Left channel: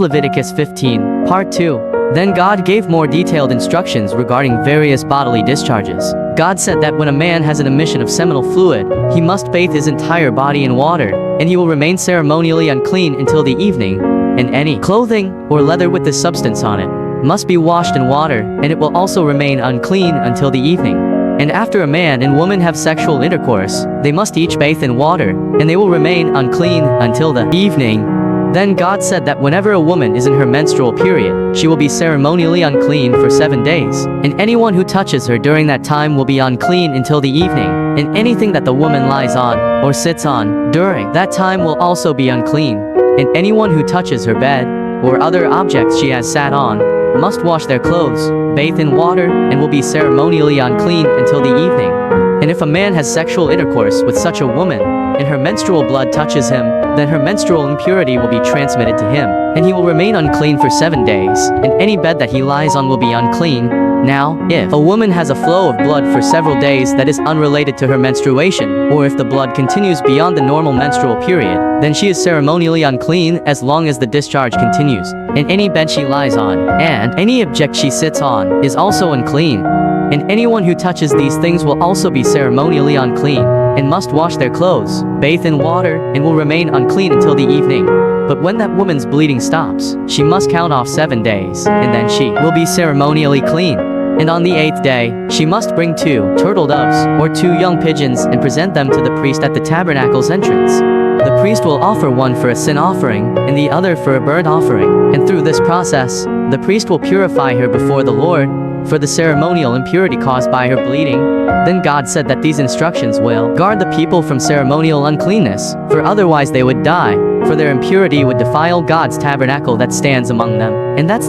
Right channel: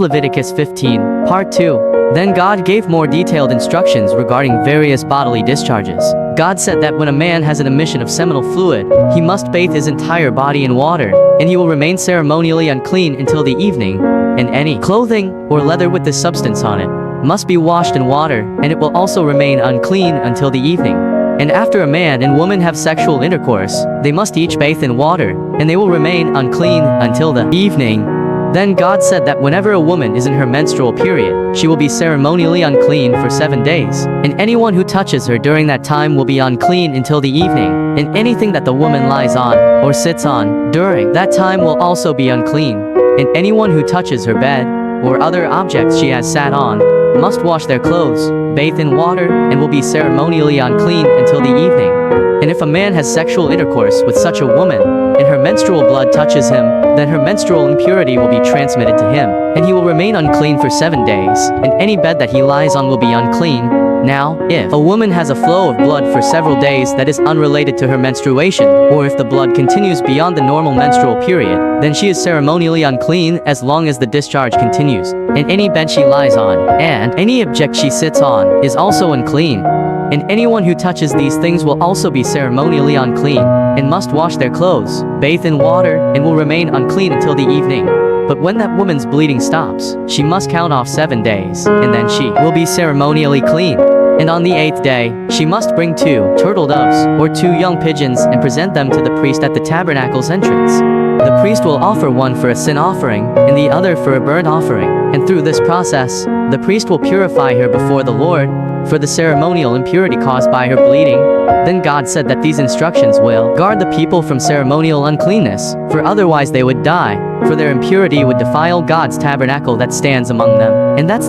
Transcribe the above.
Leviticus 15, Part 2. Then God gave more detailed instructions regarding various bodily discharges. God said that when a man has an emission of seminal fluid, he must bathe his entire body in water, and he will remain ceremonially unclean until the evening, and any clothing or leather with this substance on it must be washed in water, and it will also remain unclean until the evening. And after a man and woman have sexual intercourse, they must each bathe in water, and they will remain unclean until the evening. Then God said that whenever a woman is in her menstrual period, she will be ceremonially unclean for 7 days, and anyone who touches her during that time will be unclean until the evening, and anything that the woman lies on or sits on during that time will also be unclean, and anyone who touches her bed or other objects she has sat on must wash their clothes, bathe in water, and will be ceremonially unclean until the evening. And if a man has sexual intercourse with such a woman, and her menstrual blood touches him, then her menstrual impurity will be transmitted to him, and he will remain unclean for 7 days, and any bed that he lies on will be unclean. Now, if a woman has a flow of blood for several days that is unrelated to her menstruation, or if the blood continues beyond the normal menstrual period, then she is ceremonially unclean as long as the discharge continues, and any bed she lies on, and any object she sits on, is also unclean. And anyone who touches these things will also be ceremonially unclean, and must wash their clothes, bathe in water, and will remain unclean until the evening. But when that woman's bleeding stops, she must count off 7 days, and then she will be ceremonially clean. And on the 8th day, she must bring 2 turtle doves, or 2 young pigeons, and present them to the priest at the tabernacle's entrance. The priest will offer one for a sin offering, and the other for a burnt offering. And through this process, the priest will purify her before the Lord, for the ceremonial impurity caused by her bleeding. Then God said that these instructions will guard the people from ceremonial uncleanness, for otherwise they would die, for their impurity would defile God's tabernacle that stands among them. And that's